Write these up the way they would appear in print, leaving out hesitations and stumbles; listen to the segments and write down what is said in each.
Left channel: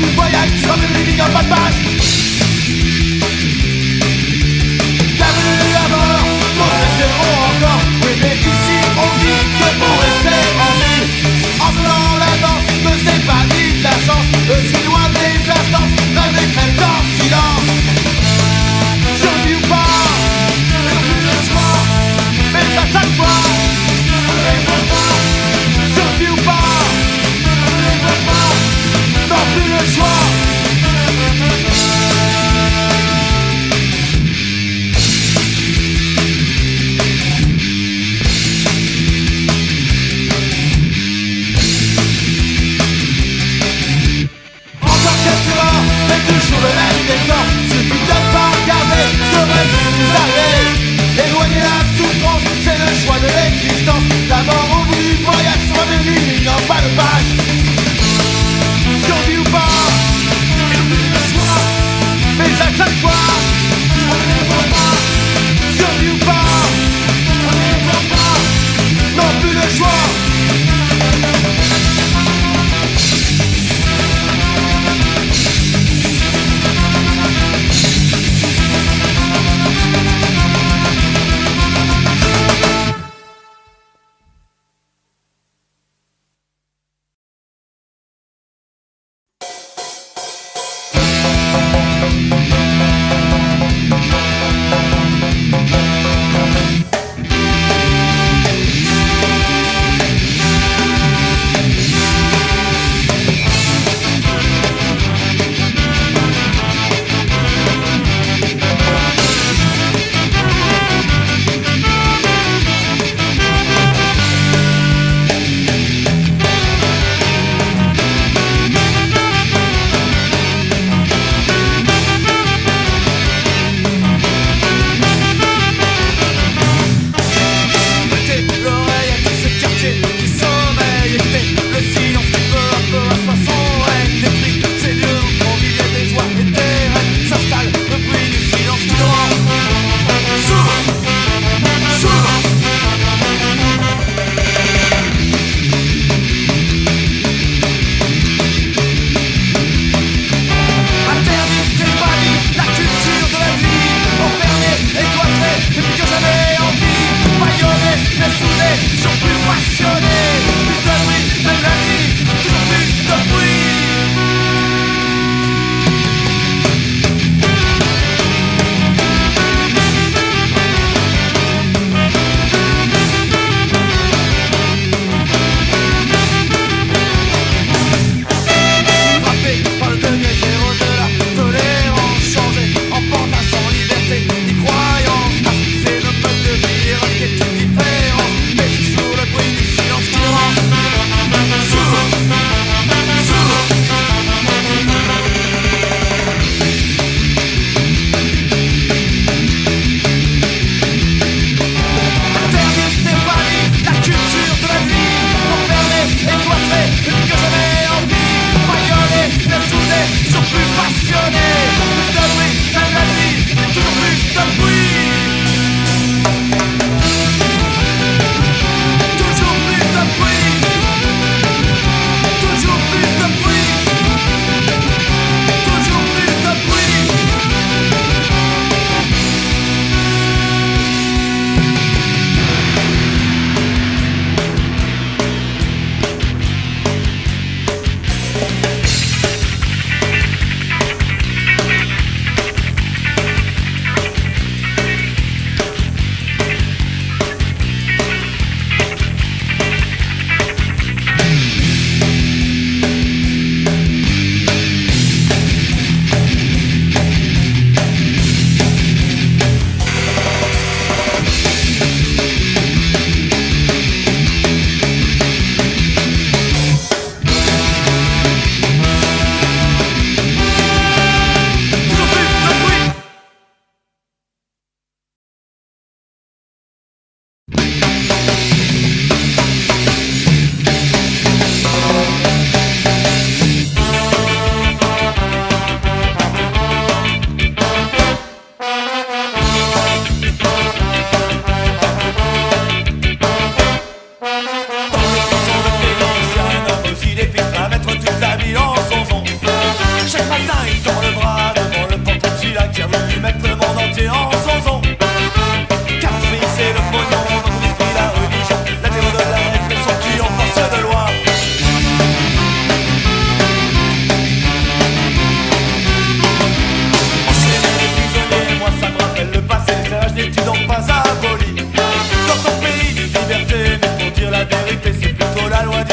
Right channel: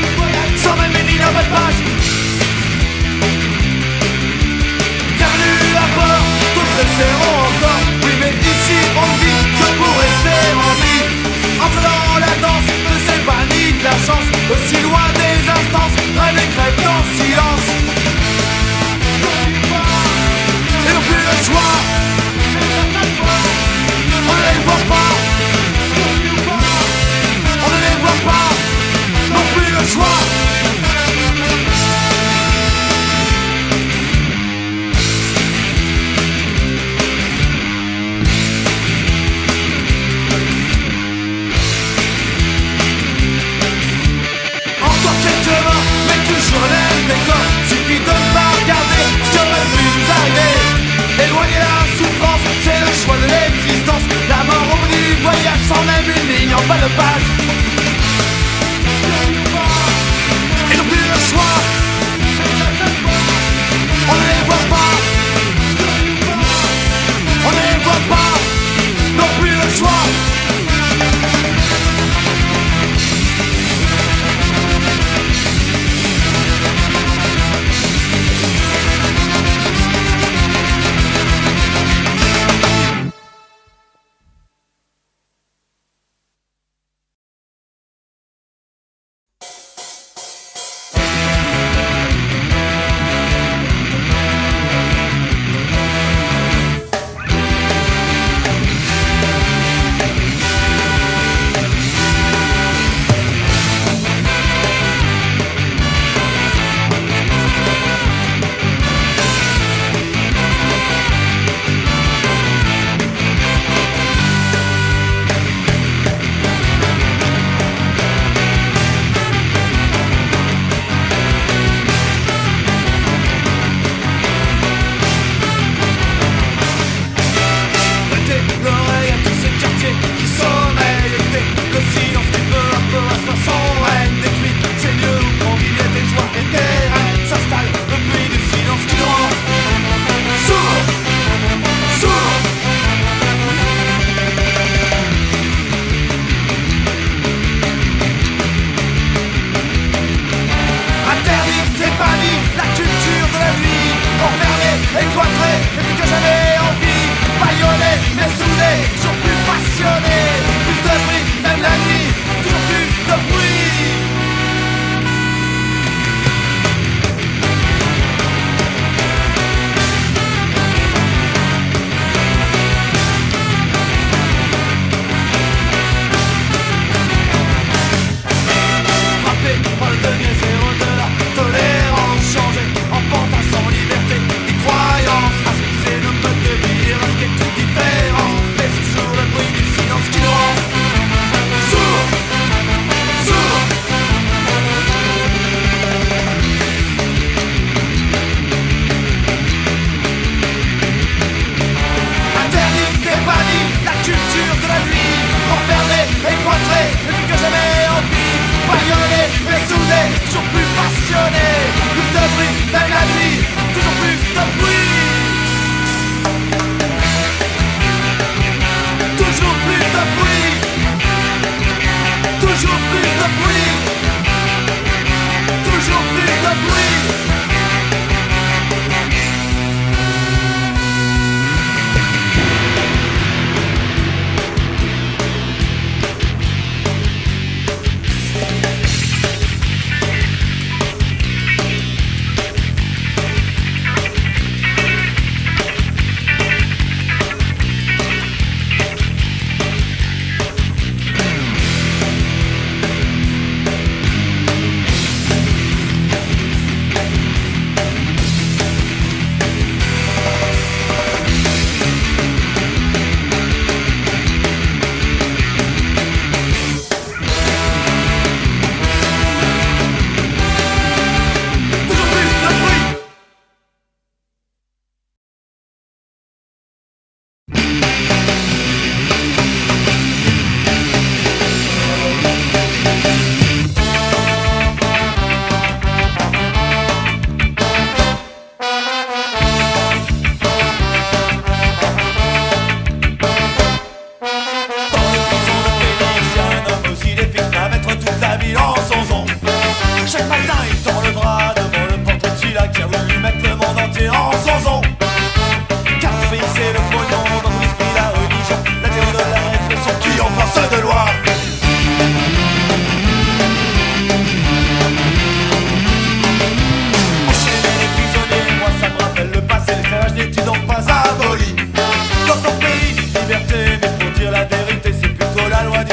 du voyage, sans même les lignes en bas de page. Bienvenue à bord, tous le seront encore. Oui mais ici on vit que pour rester en vie. En faisant la danse de ces paniers de la chance, aussi loin des instances, d'un décret en silence. Survie ou pas, et non plus le choix, mais à chaque fois, on ne les voit pas. Survie ou pas, on ne les voit pas, non plus le choix. Encore quelques heures, mais toujours le même décor. Suffit de ne pas regarder ce qui aurait pu nous arriver. Éloigner la souffrance, c'est le choix de l'existence. La mort ou du voyage, sans même une ligne en bas de page.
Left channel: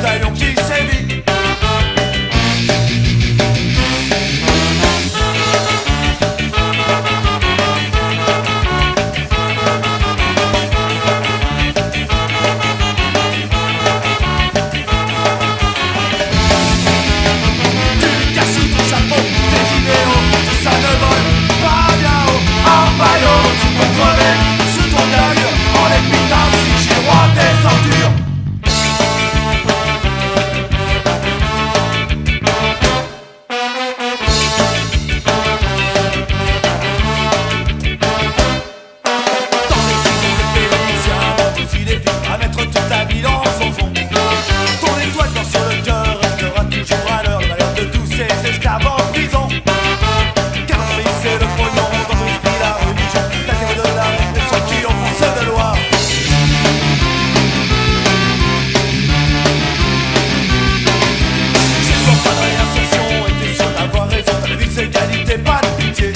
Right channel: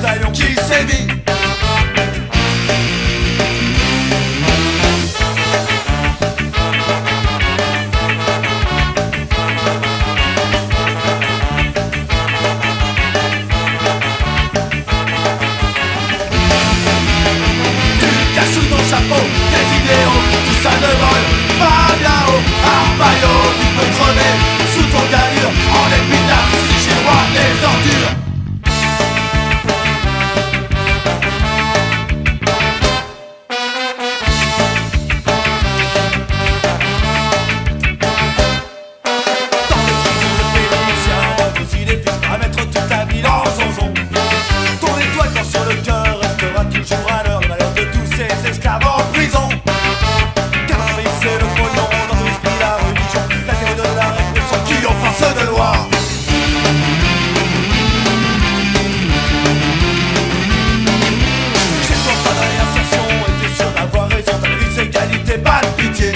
bataillon qui sévit. Des idéaux, tout ça ne vole pas bien haut. Arpaio, tu peux crever sous ton galure en épitaphe si j'ai le roi des ordures. Dans les prisons de Péronisien, vos idées finissent à mettre toute ta vie dans son son. Ton étoile quand sur le cœur restera toujours à l'heure. Le malheur de tous ces esclaves en prison. Car c'est le pognon dans ton esprit, la religion, la théorie de la répression qui ont force de loi. Chez toi pas de réinsertion et t'es sûr d'avoir raison. T'as vu c'est égalité, pas de pitié.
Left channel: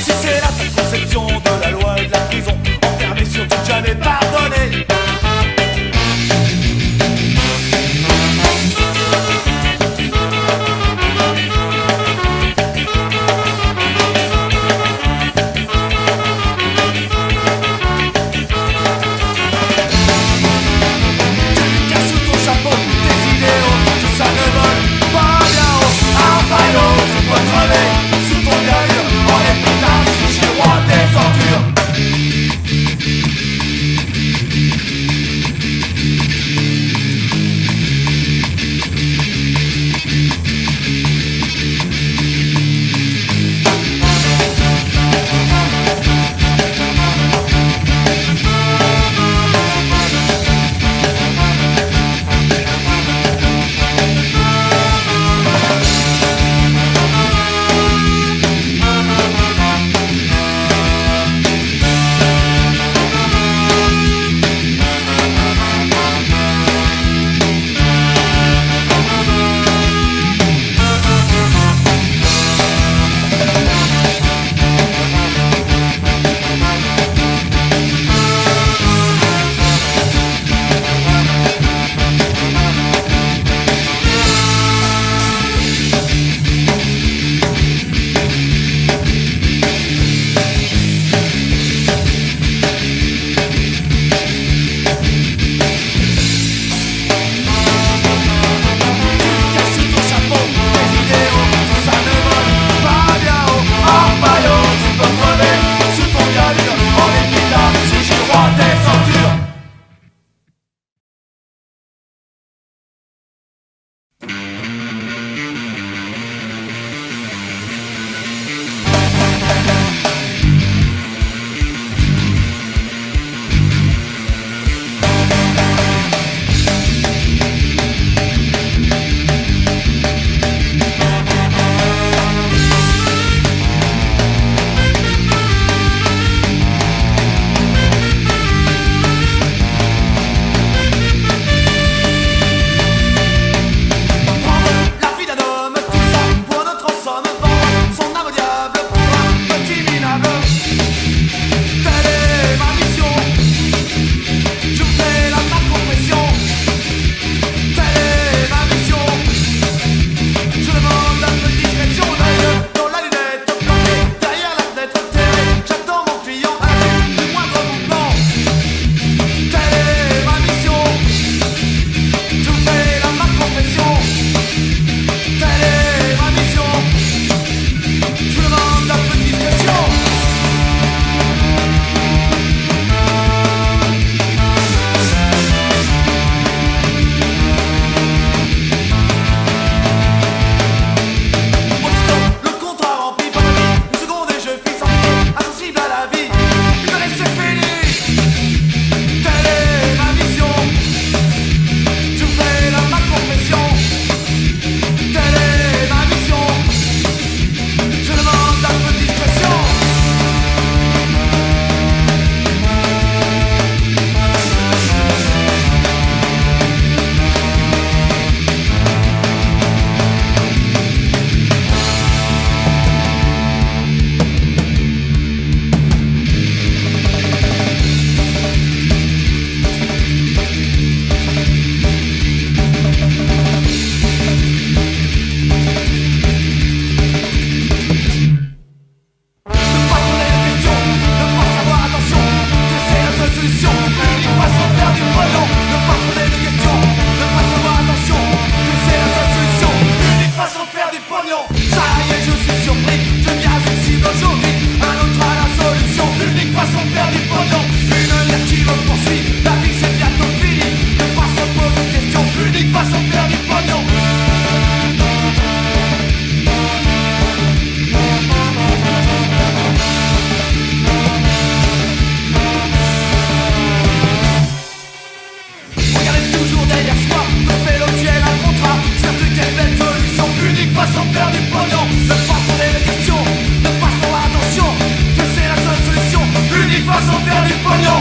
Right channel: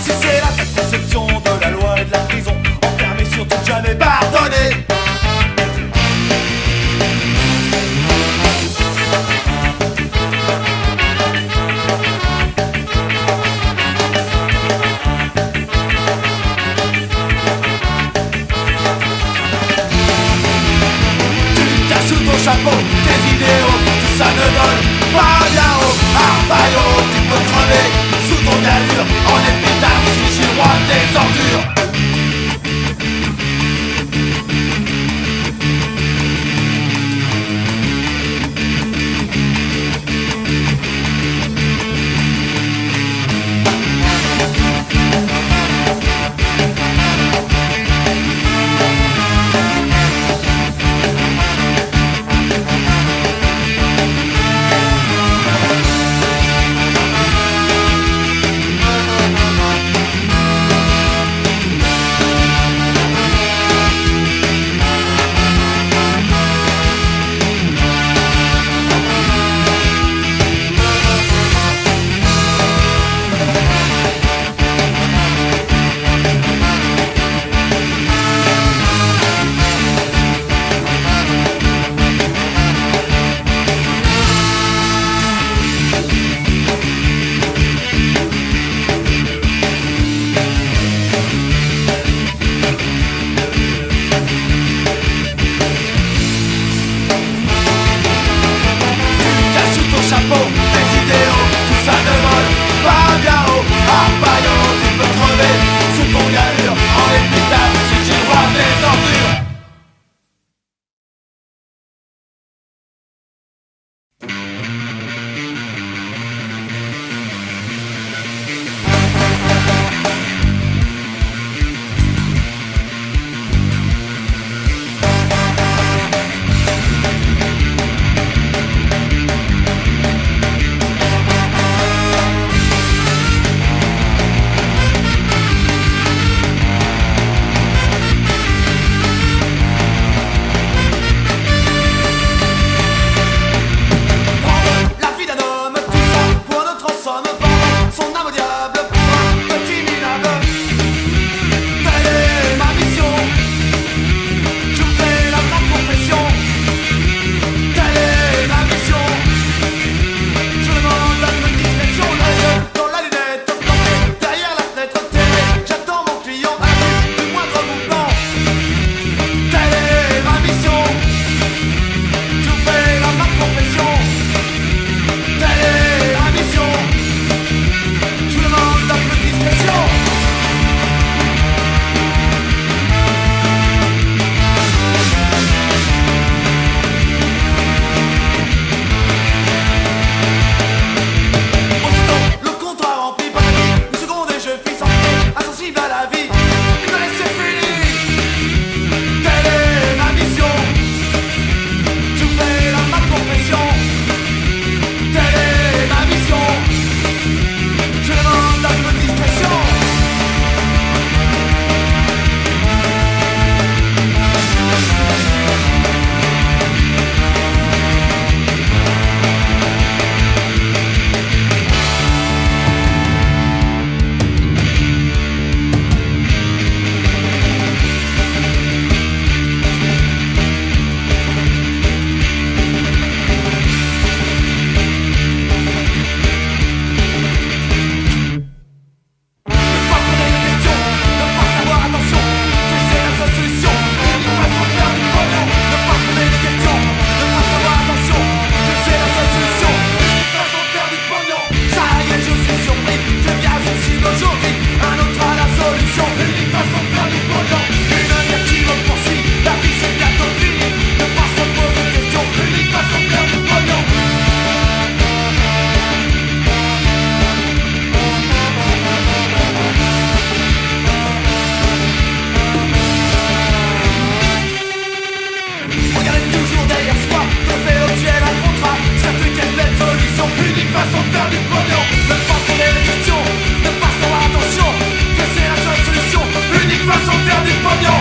Si c'est là ta conception de la loi et de la prison, enfermé surtout jamais pardonné. façon de faire du pognon. Ne pas se poser de questions, ne pas se faire attention, que c'est la seule solution, unique façon de faire du pognon.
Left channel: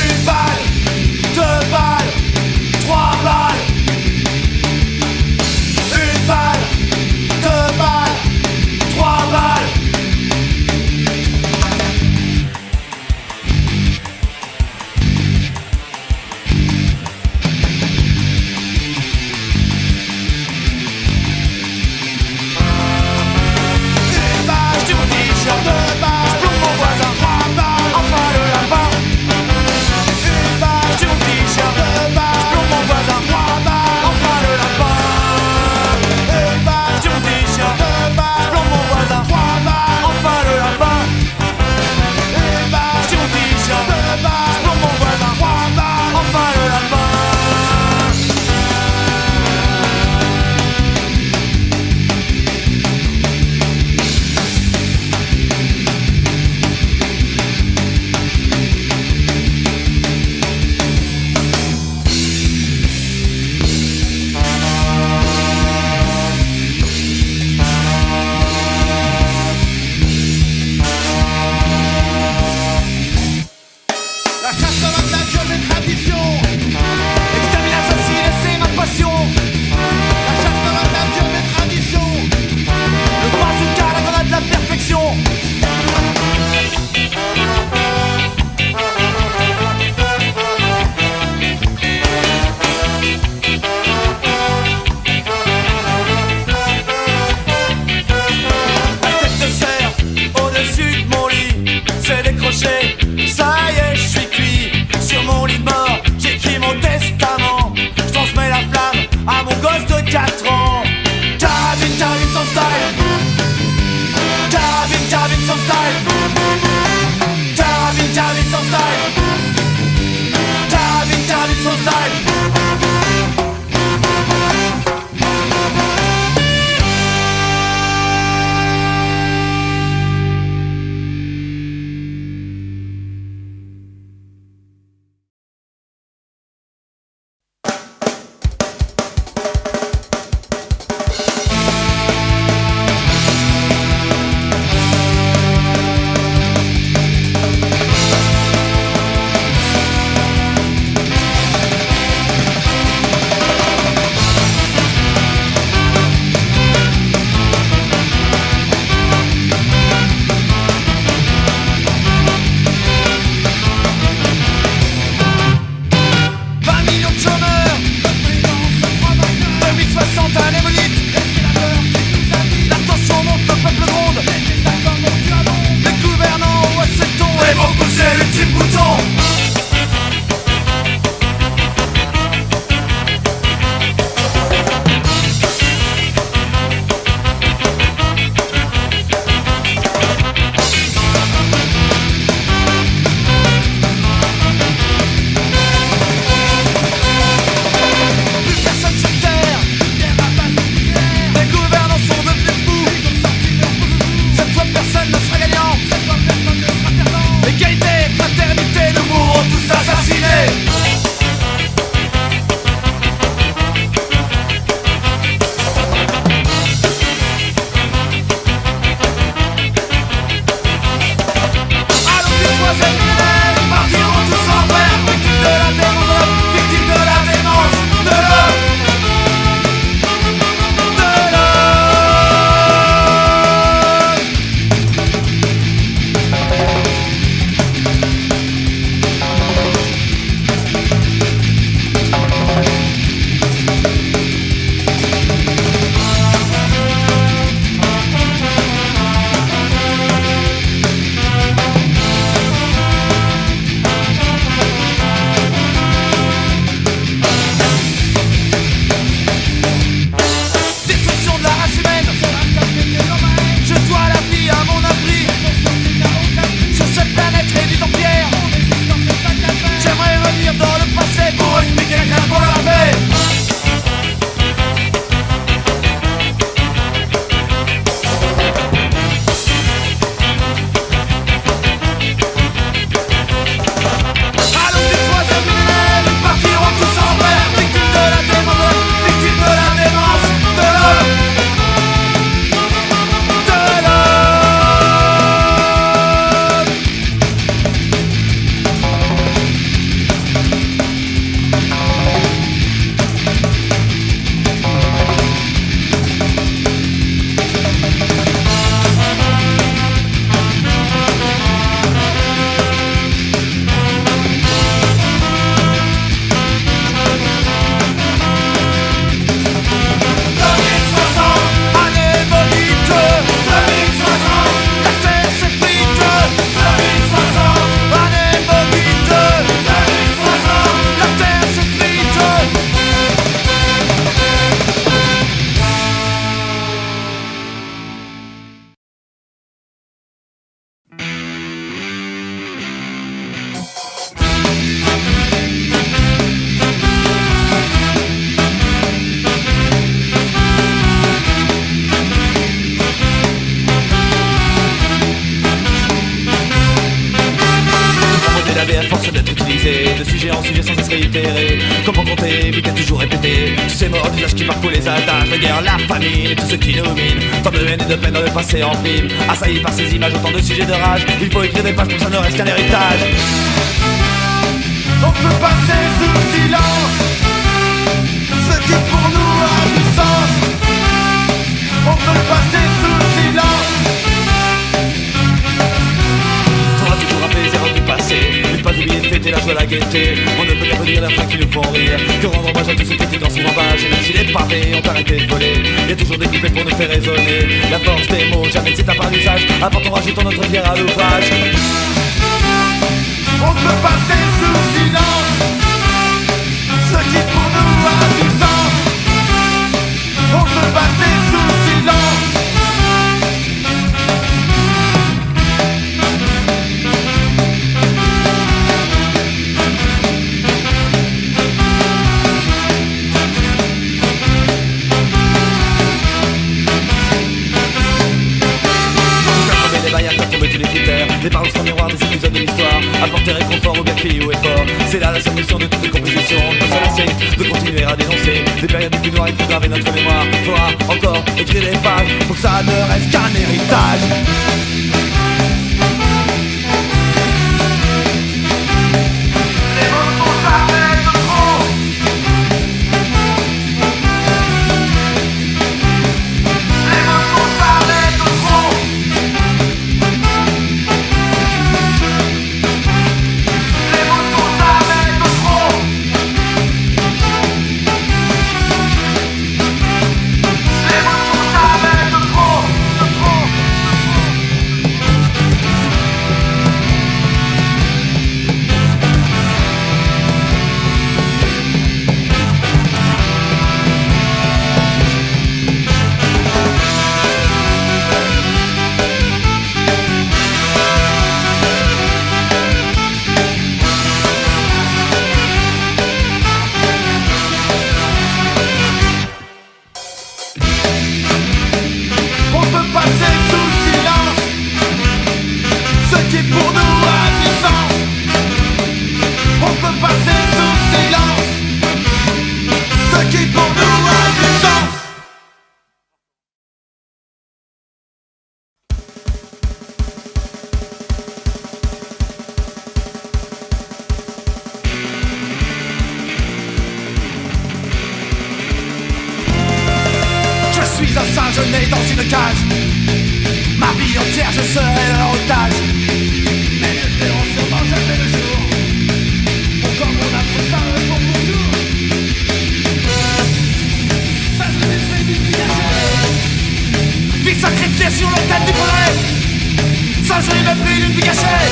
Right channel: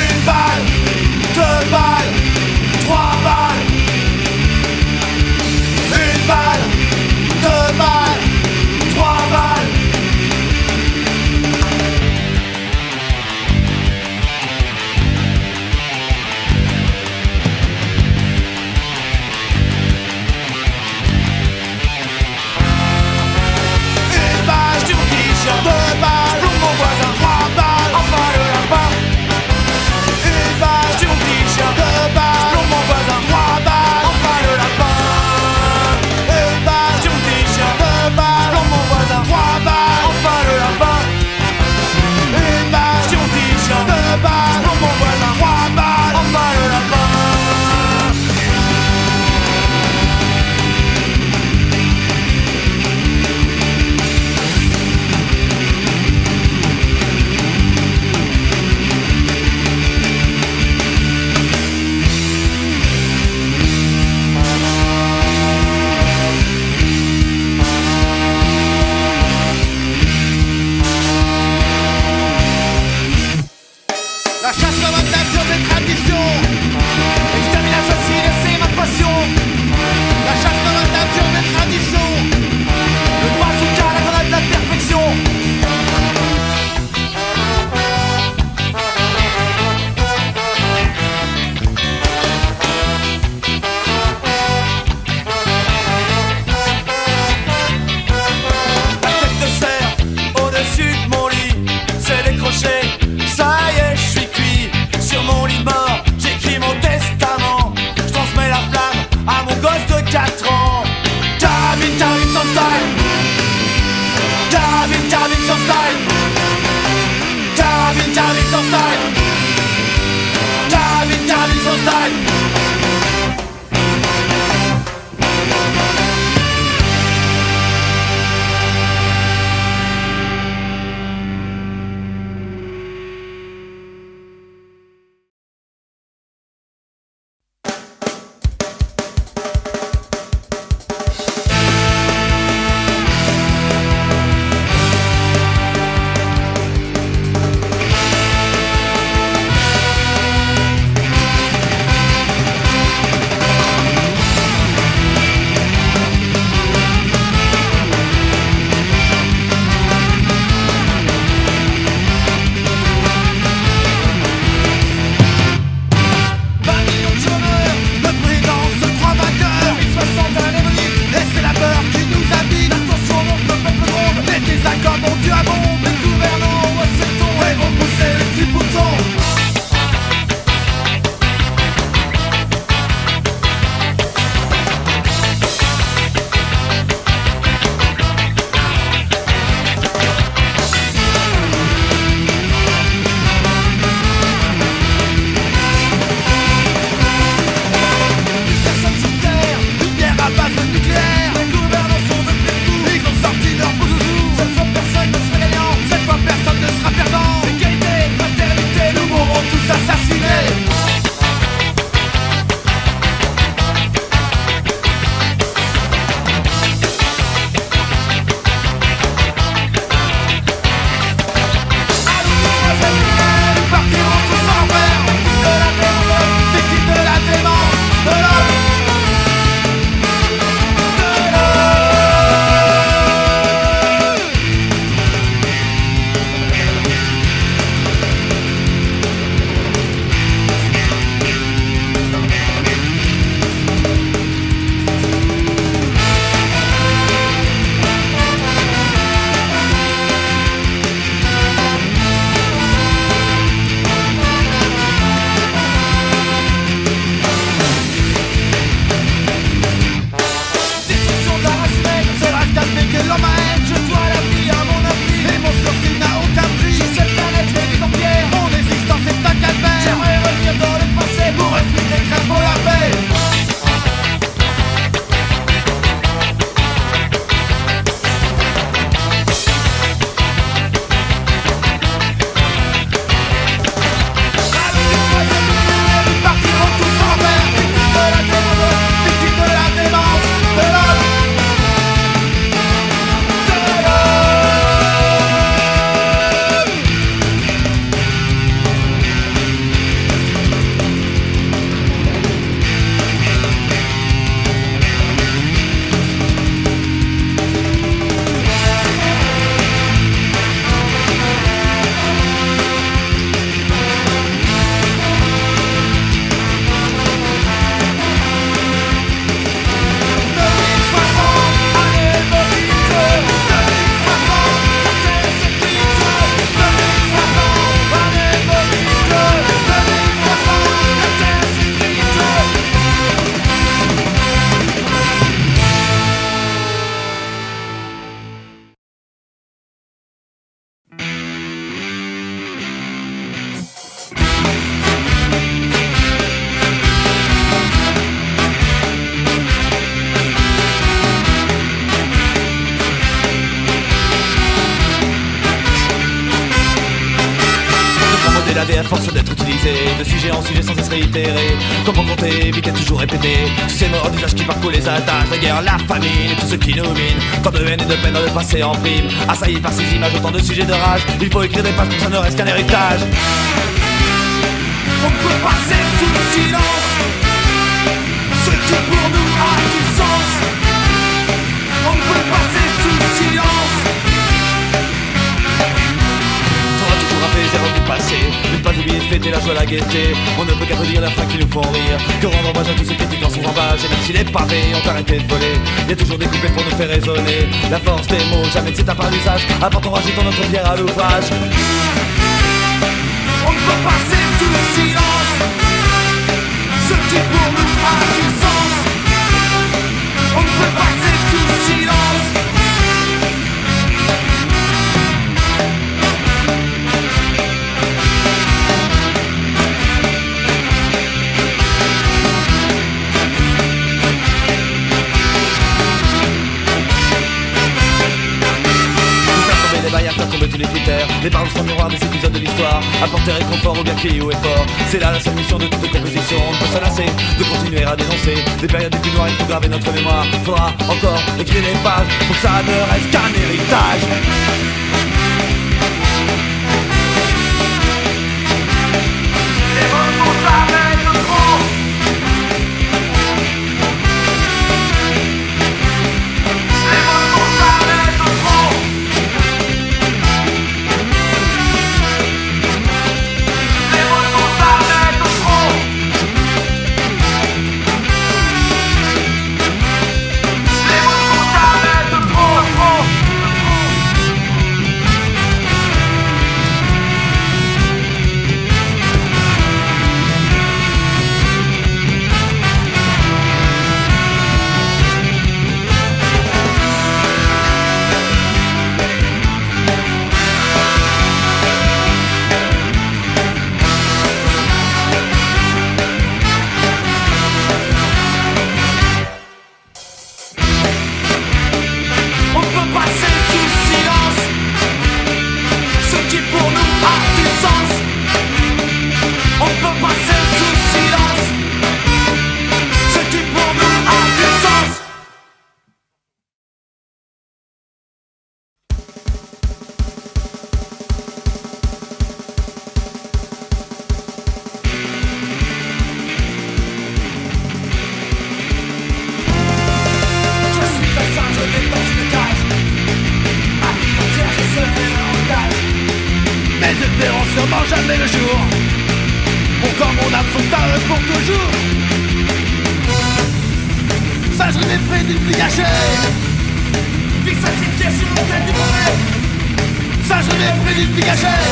Une balle, marcher. Ça y est, je suis cuit. Sur mon lit de mort, j'écris mon testament. Je transmets la flamme à mon gosse de 4 ans. Carabine, carabine sans style. Carabine, carabine sans style. Carabine, carabine sans style. Carabine, carabine sans style. à force d'être utilisé, de sujet en sujet sans cesse réitéré. Comment compter, éviter toujours répéter tous ces morts d'usage qui parcourent les attaques, la guerre, la famine et tout ce qui nous mine. Tant de haine et de peine dans le passé en prime, assailli par ces images, autant de sujets de rage. Il faut écrire des pages pour que ça ne reste qu'un héritage. On peut passer sous silence ce qui pour nous a du sens. On peut passer sous silence. Faudra toujours rappeler les erreurs du passé, ne pas oublier de fêter la joie, la gaieté. On ne peut qu'applaudir la fin qui nous font rire, que rendre hommage à tous ceux qui étaient dans son emballage. Et même si les pavés ont arrêté de voler, y a toujours des coupés pour nous faire raisonner. La force des mots, jamais de cet à part l'usage, apportons, rajoutons notre pierre à l'ouvrage. peut passer sous silence ce qui pour nous a du sens. On peut passer sous silence. Les bails à faire tomber tous les critères. Les paroles sont miroirs des épisodes de l'histoire. Apporter réconfort au gars qui ou est fort. C'est là la seule mission de toute composition. On ne peut se lasser de continuer à dénoncer des périodes les plus noires. Il faut graver notre mémoire. Faudra encore écrire des pages pour que ça ne reste qu'un héritage. Les mots sont jamais de trop. Les mots sont jamais de trop. Les mots sont jamais de trop. Les mots sont jamais de trop. On peut passer sous silence ce qui pour nous a du sens. On peut passer sous silence ce qui pour nous a du sens. Je suis un singe né dans une cage. Ma vie entière je serai leur otage. Mais ils ne verront sûrement jamais le jour. Mon corps, mon âme sont à eux pour toujours. Singerie mépris d'une vie gâchée. Vie sacrifiée sur l'autel du progrès. Singerie mépris d'une vie gâchée.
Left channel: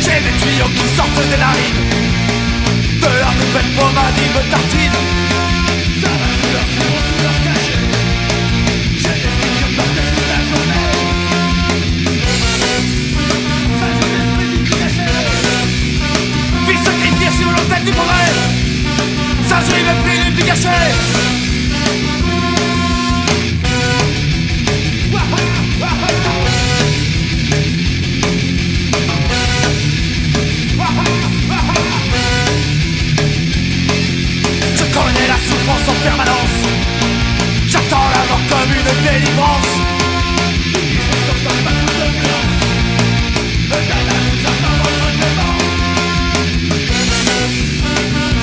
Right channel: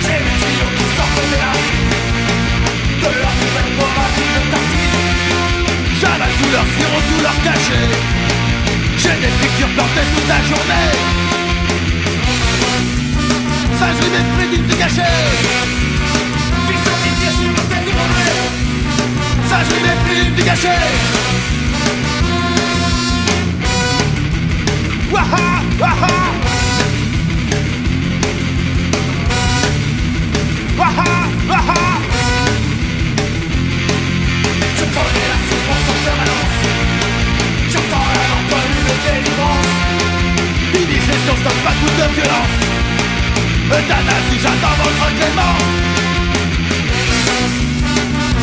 J'ai des tuyaux qui sortent des narines de leur nouvelle pommade me tartine. J'avale tout leur sirop, tout leur cachet. J'ai des piqûres portées toute la journée. Singerie mépris d'une vie gâchée. Vie sacrifiée sur l'autel du progrès. Singerie mépris d'une vie gâchée. Waha, waha. Waha, waha. Je connais la souffrance en permanence. J'attends la mort comme une délivrance. Initiation, stop pas toute violence. Euthanasie, j'attends votre clémence.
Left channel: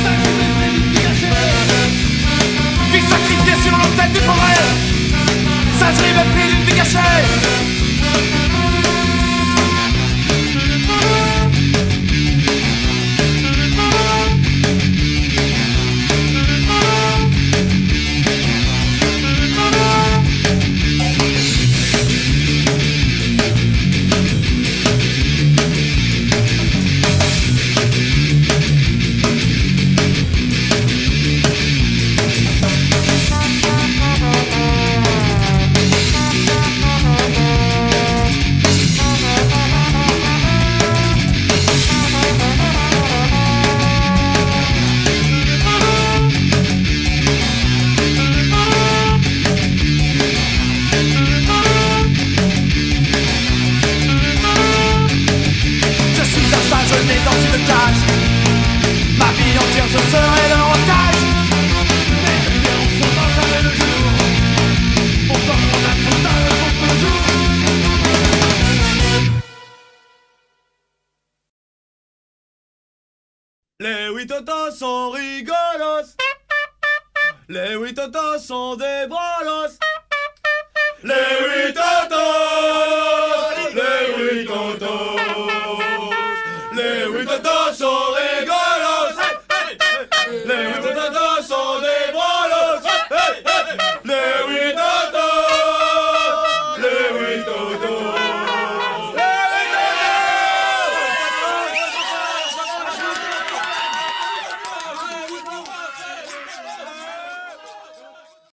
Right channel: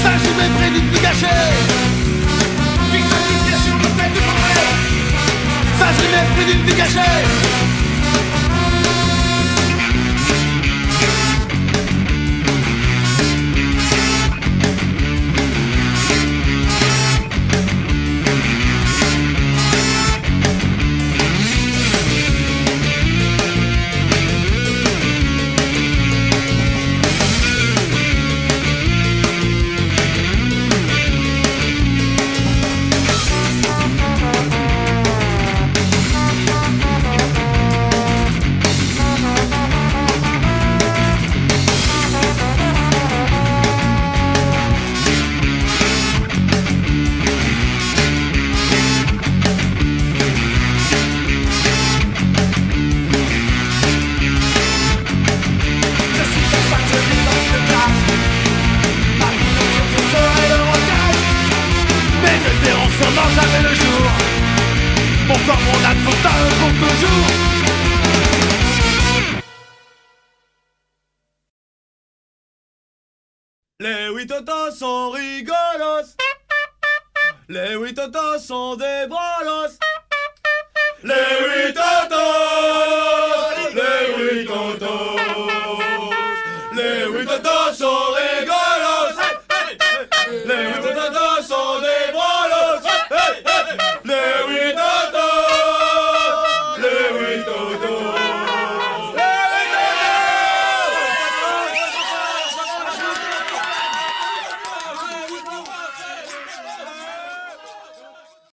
Singerie mépris d'une vie gâchée. Vie sacrifiée sur l'autel du progrès. Singerie mépris d'une vie gâchée. Les huit totos sont rigolos. Les huit totos sont des brolos. Les huit totos, les huit totos.